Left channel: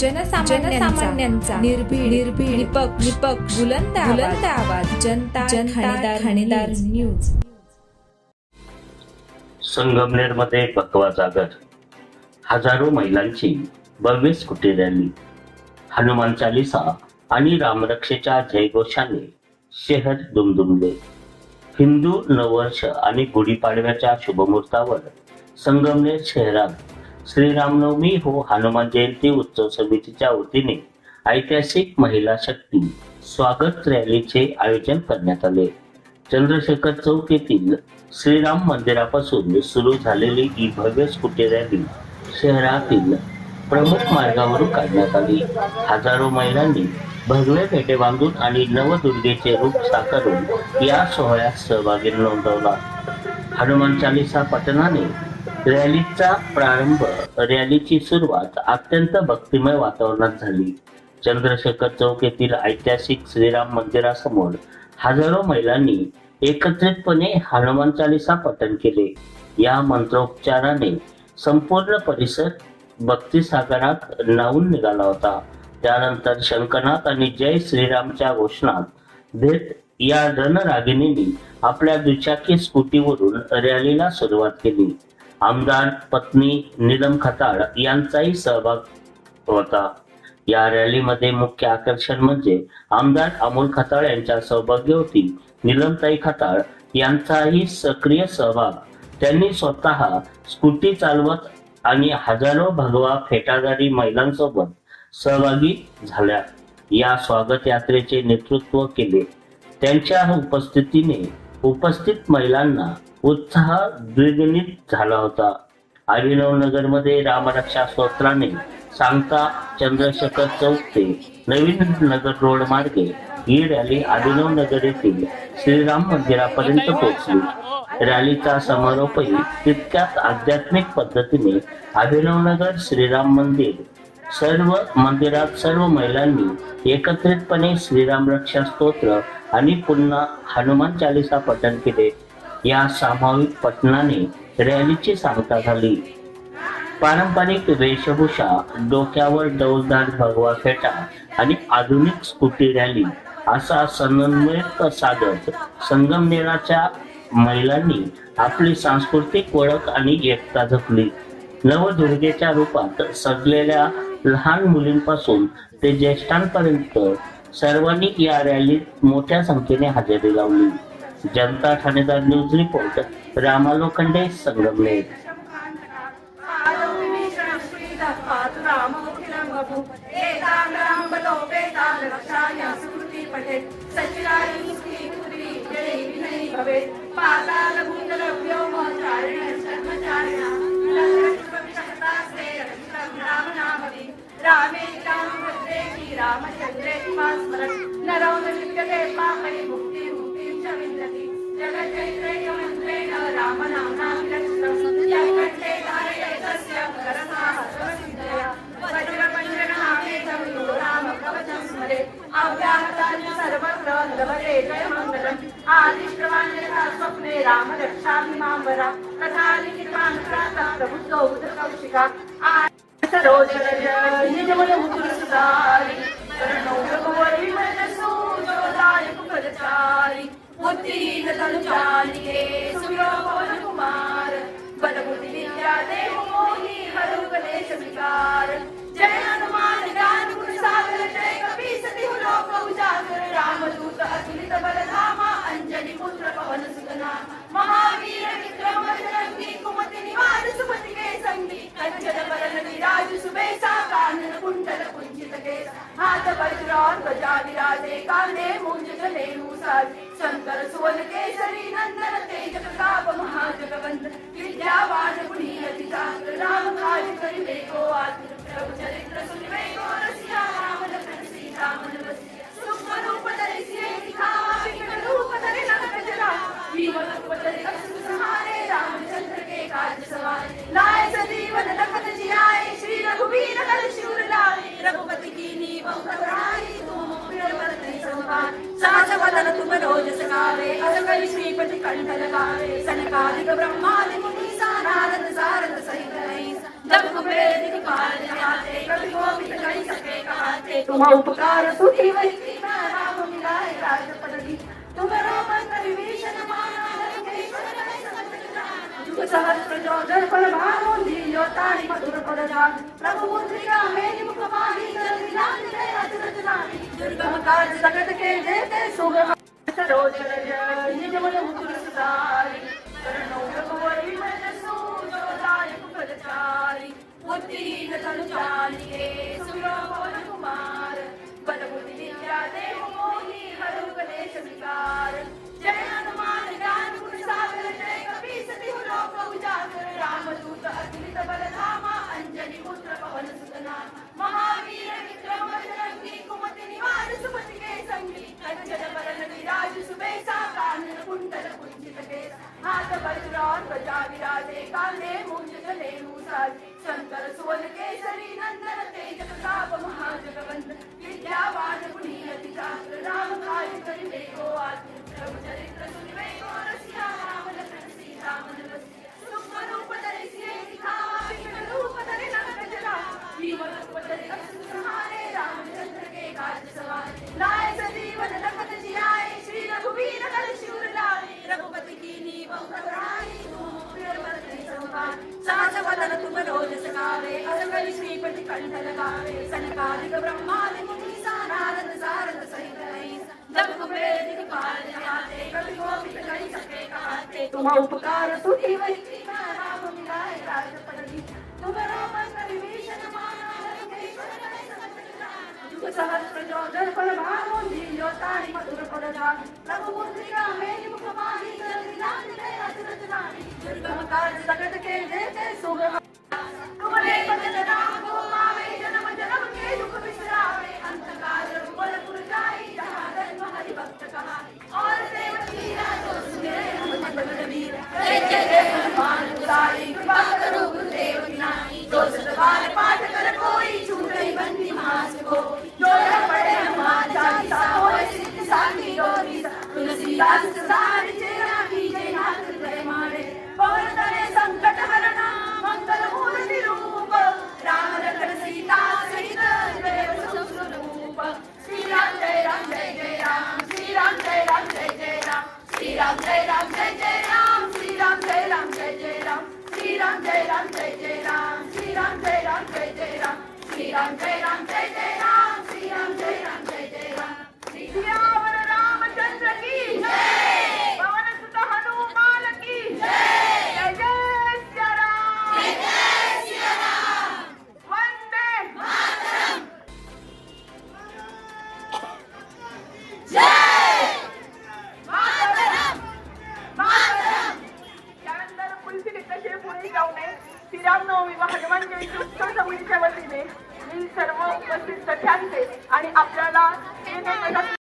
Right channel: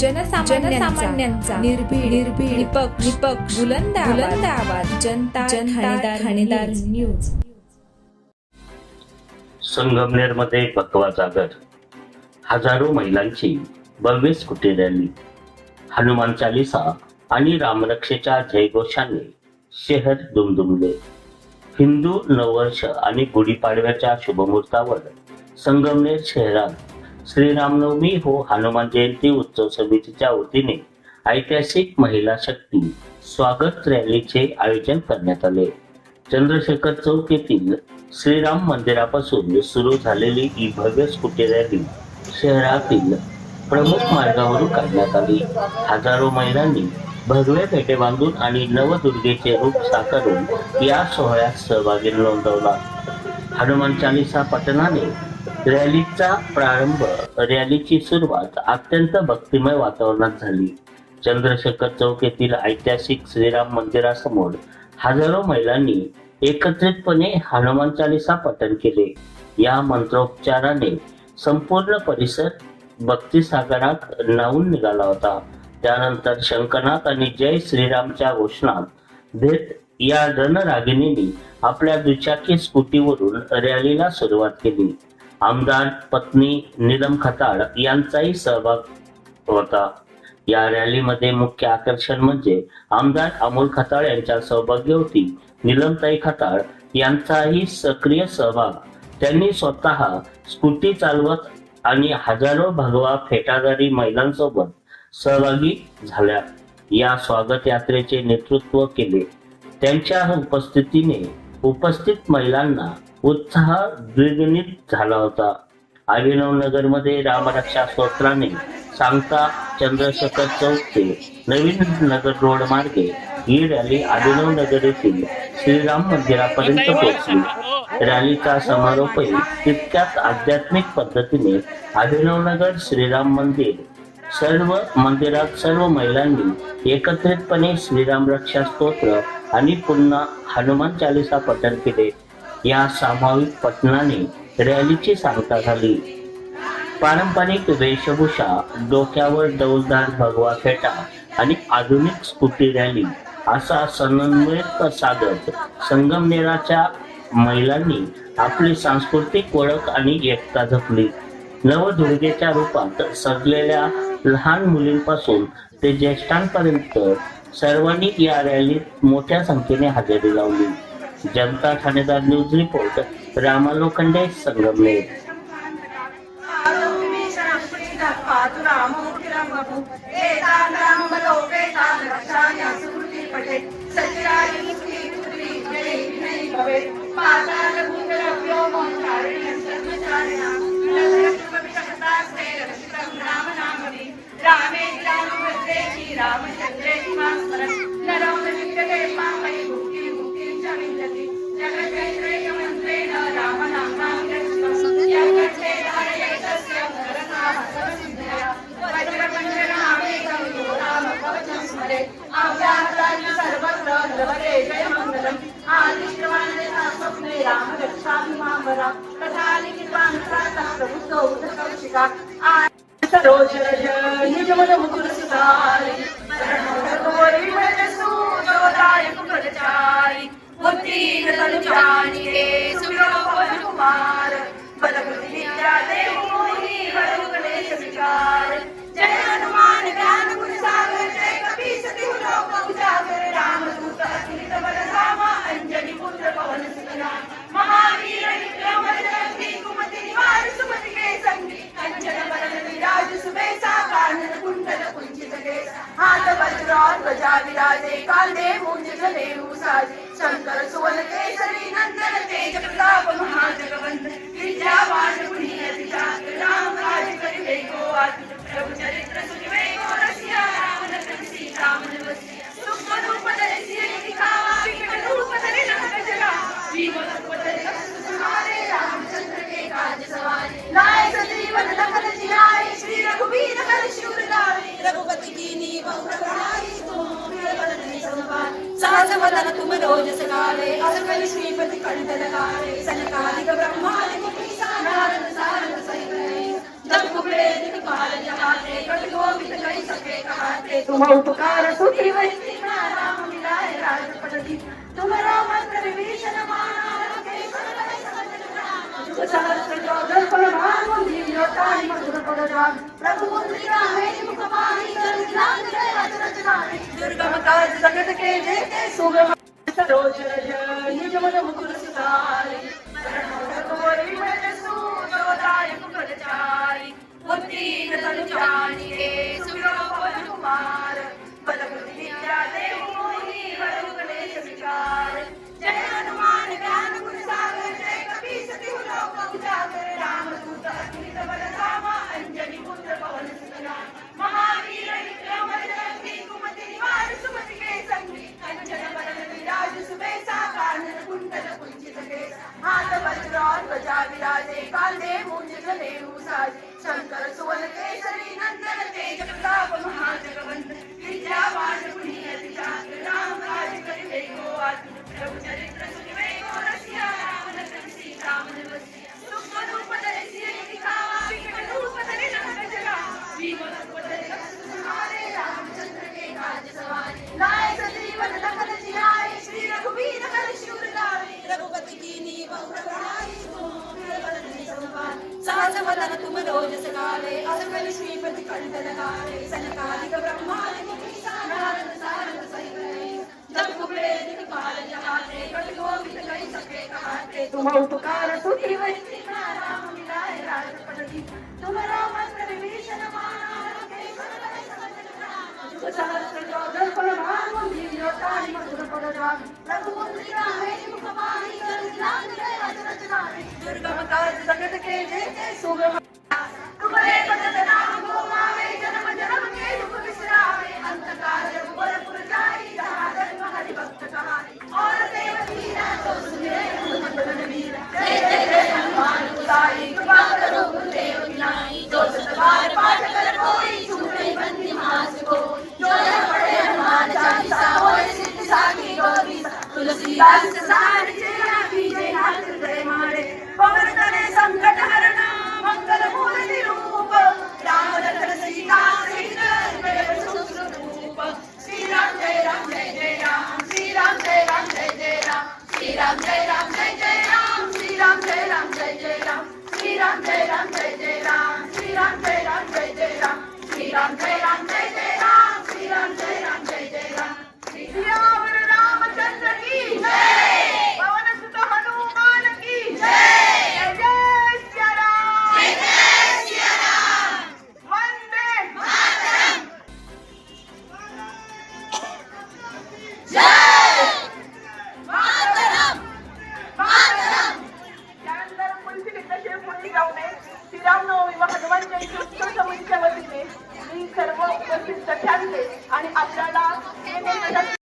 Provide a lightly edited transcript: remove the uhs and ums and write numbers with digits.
जनसामान्यांचा निर्भीड निपक्ष बुलंद आवाज जनता ठाणेदार न्यूज। संगमनेरमध्ये भगवा जागर, हजारो महिलांची भव्य स्कूटी रॅली, हनुमान चालीसा आणि रामरक्षेच्या जयघोषाने शहर दुमदुमले। हिंदू नववर्ष आणि गुढीपाडव्याच्या शुभमुहूर्तावर संगमनेर शहरात श्रीरामनवमी व हनुमान जयंती उत्सव समितीच्या वतीने ऐतिहासिक महिला शक्ती स्वागत रॅलीचे आयोजन करण्यात आले। चंद्रशेखर चौक येथील श्रीराम मंदिरापासून सुरू झालेली ही भव्य स्कूटी रॅली शहरातील प्रमुख मार्गावरून काढण्यात आली। हजारो महिलांनी भगवे फेटे बांधून आणि नवदुर्गेचे रूप साकारून या सोहळ्यात सहभागी नोंदवला। हनुमान चालीसा पठणाने रॅलीचा प्रारंभ, रॅलीची सुरुवात अत्यंत भक्तिमय वातावरणात झाली। चंद्रशेखर चौक येथील ऐतिहासिक श्रीराम मंदिरासमोर हजारो महिलांनी एकत्रितपणे हनुमान चालीसा पठण केले। या मंत्रोच्चाराने संपूर्ण परिसर भक्तिसागरात न्हाऊन निघाला होता। त्यानंतर शंखनाद आणि जय श्रीरामच्या घोषणात देत या रणरागिणींनी आपल्या दुचाकी स्कूटीवरून रॅलीला सुरुवात केली। आमदार पत्नी नीलम खताळ यांचाही सहभाग होता। या रॅलीमध्ये मुख्य आकर्षण म्हणजे आमदार अमोल खताळ यांच्या सौभाग्यवती नीलमताई खताळ यांचाही सक्रिय सहभाग। त्यांनी स्वतः स्कूटी चालवत आणि हजारो भगवा फेटाधारी महिलांसोबत सहभागी झाल्या। या स्वागत यात्रेचे नेतृत्व केले। त्यांच्या उपस्थितीने उपस्थित महिलांना उत्साह द्विगुणित झाला होता। अभिनवनगर मध्ये रामरक्षा स्तोत्राने सांगता चंद्रशेखर चौक ते नवीन नगर रोड मार्गे ही रॅली अभिनवनगर येथील श्रीराम मंदिरापर्यंत पोहोचली। रॅलीचा समारोपही तितक्याच आध्यात्मिक पद्धतीने अभिनवनगर श्रीराम मंदिर सर्व मंदिरात सर्व महिलांनी एकत्रितपणे श्रीराम रक्षा स्तोत्र आणि पुन्हा हनुमान चालीसा पठण केले। या सामूहिक पठणाने रॅलीची सांगता झाली। पारंपरिक वेशभूषा, डोक्यावर डौलदार भगवा फेटा आणि आधुनिक स्कूटी रॅली असा समन्वय साधत संगमनेराच्या महिलांनी आपली सांस्कृतिक ओळख आणि एकता जपली। नवदुर्गेच्या रूपात सजलेल्या लहान मुलींपासून ते ज्येष्ठांपर्यंत सर्वांनी या रॅलीत मोठ्या संख्येने हजेरी लावली। जनता ठाणेदार न्यूज रिपोर्ट, रामा लोखंडे, संगमनेर। शंकर सुवन केसरी नंदन तेज प्रताप महाजगवंत विद्यावान पुण्य राम राज करिवे को प्रभु चरित्र सुनिवे को रसिया रावण प्रभु सीता मन बसी सूक्ष्म रूप धरि सिय दिखावा विकट रूप धरि लंक जला जीवन रूप धरि कछु संहारे रामचंद्र के काज सवारे लाए सजीवन लखन जियाए श्री रघुवीर हर शिवर लाए रघुपति कीन्ही बहु बड़ाई सहज वदन तुम रोज सगावे असकर श्रीपति कंठ लगावे सनकादिक ब्रह्मादि मुनि नारद सारद सहित जब कुबेर दिखपाल जाते कवि गोविंद कहि ते तुम्हा उपकार सुखी वैसी राम मिलाए राजपदगी तुम्हारा मंत्र विभीषण माना जुग सहस्त्र जो दर्पण भानु दियो ताई मधुर पद जान प्रभु मुद्रि रामे मुख माही कर लाल जय अचरज लाने दुर्गम काज जगत के जेते सुगम सरोज रज निज मन मुकुर सुधारि बुद्धि तनु जानिए सुविरोपन कुमार बल बुद्धि विद्या देव मोहि वरु गणेश विचार जय हनुमान ज्ञान गुण सागर जय कपीस तिहु लोक उजागर रामदूत अतुलित बल धामा अंजनी पुत्र पवन सुत नाम महावीर विक्रम बजरंगी कुमति निवार सुमति के संगी कंचन बरन विराज सुबेसा कानन कुंडल कुंचित केसा हाथ वज्र और ध्वजा विराजे कांधे मूंज जनेऊ साजे शंकर सुवन केसरी नंदन तेज प्रताप महाजगवंदन विद्यावान गुणियति चातुर राम काज करिबे को आतुर प्रभु चरित्र सुनिबे को रसिया राम लखन सीता मन बसिया सूक्ष्म रूप धरि सिय दिखावा विकट रूप धरि लंक जगावा जीवन कोटि सुधारे रामचंद्र के काज सवारे लाए सजीवन लखन जियाए श्री रघुवीर हर शिवर लाए रघुपति कीन्ही बहुत बड़ाई सहज वदन तुम रोज सकाले असकल श्रीपति कंठ लगारे सनकादिक ब्रह्मादि मुनि नारद सारद सहित जब कुबेर दिखपाल जाते कवि गोविंद कहि सके कहाते तुम उपकार सुखी वैसी राम मिलाए राजपदगी तुम्हारा मंत्र विभीषण माना जुग सहस्त्र जो दर्पण भानु दियो ताई मधुर पद जान प्रभु मुद्रि रामे मुख माही कर लाल जय अचरज लाने दुर्गम काज जगत के जेते सुगम तुम्हारे भजन राम को पावे जन्म जन्म के दुख बिसरावे अंत काल रघुवर जाई जहाँ धर्म हरि भक्त कहाई और देवकी तो सुने हनुमत बल वीर जय जय जय हनुमान गोसाई कृपा करो गुरुदेव की नाई जो सत बार पाठ कर कोई छूटे बंदी मास को जो न पढ़े हनुमान चालीसा होए सिद्ध साखी गौरी तुलसीदास सार चेरा कीजे नाथ हृदय मारे पवन तरे संकट हरण मंगल मूल निरूप राम लखन सीता सहित देव सुस्वरूप श्री राम जय राम जय जय राम श्री राम जय राम जय जय राम श्री राम जय राम जय जय राम श्री राम जय राम जय जय राम श्री राम जय राम जय जय राम श्री राम जय राम जय जय राम श्री राम जय राम जय जय राम श्री राम जय राम जय जय राम सियावर रामचंद्र की जय पवन सुत हनुमान की जय जय जय सिया राम जय जय सिया राम वंदे मातरम जय मातरम मातरम त्यानंतर पुलसित कसे बोलली गावणे श्रीरामनवमी व हनुमान जयंती उत्सव समितीच्या वतीने मी सर्व उपस्थित सख्यांचे आणि आपल्याला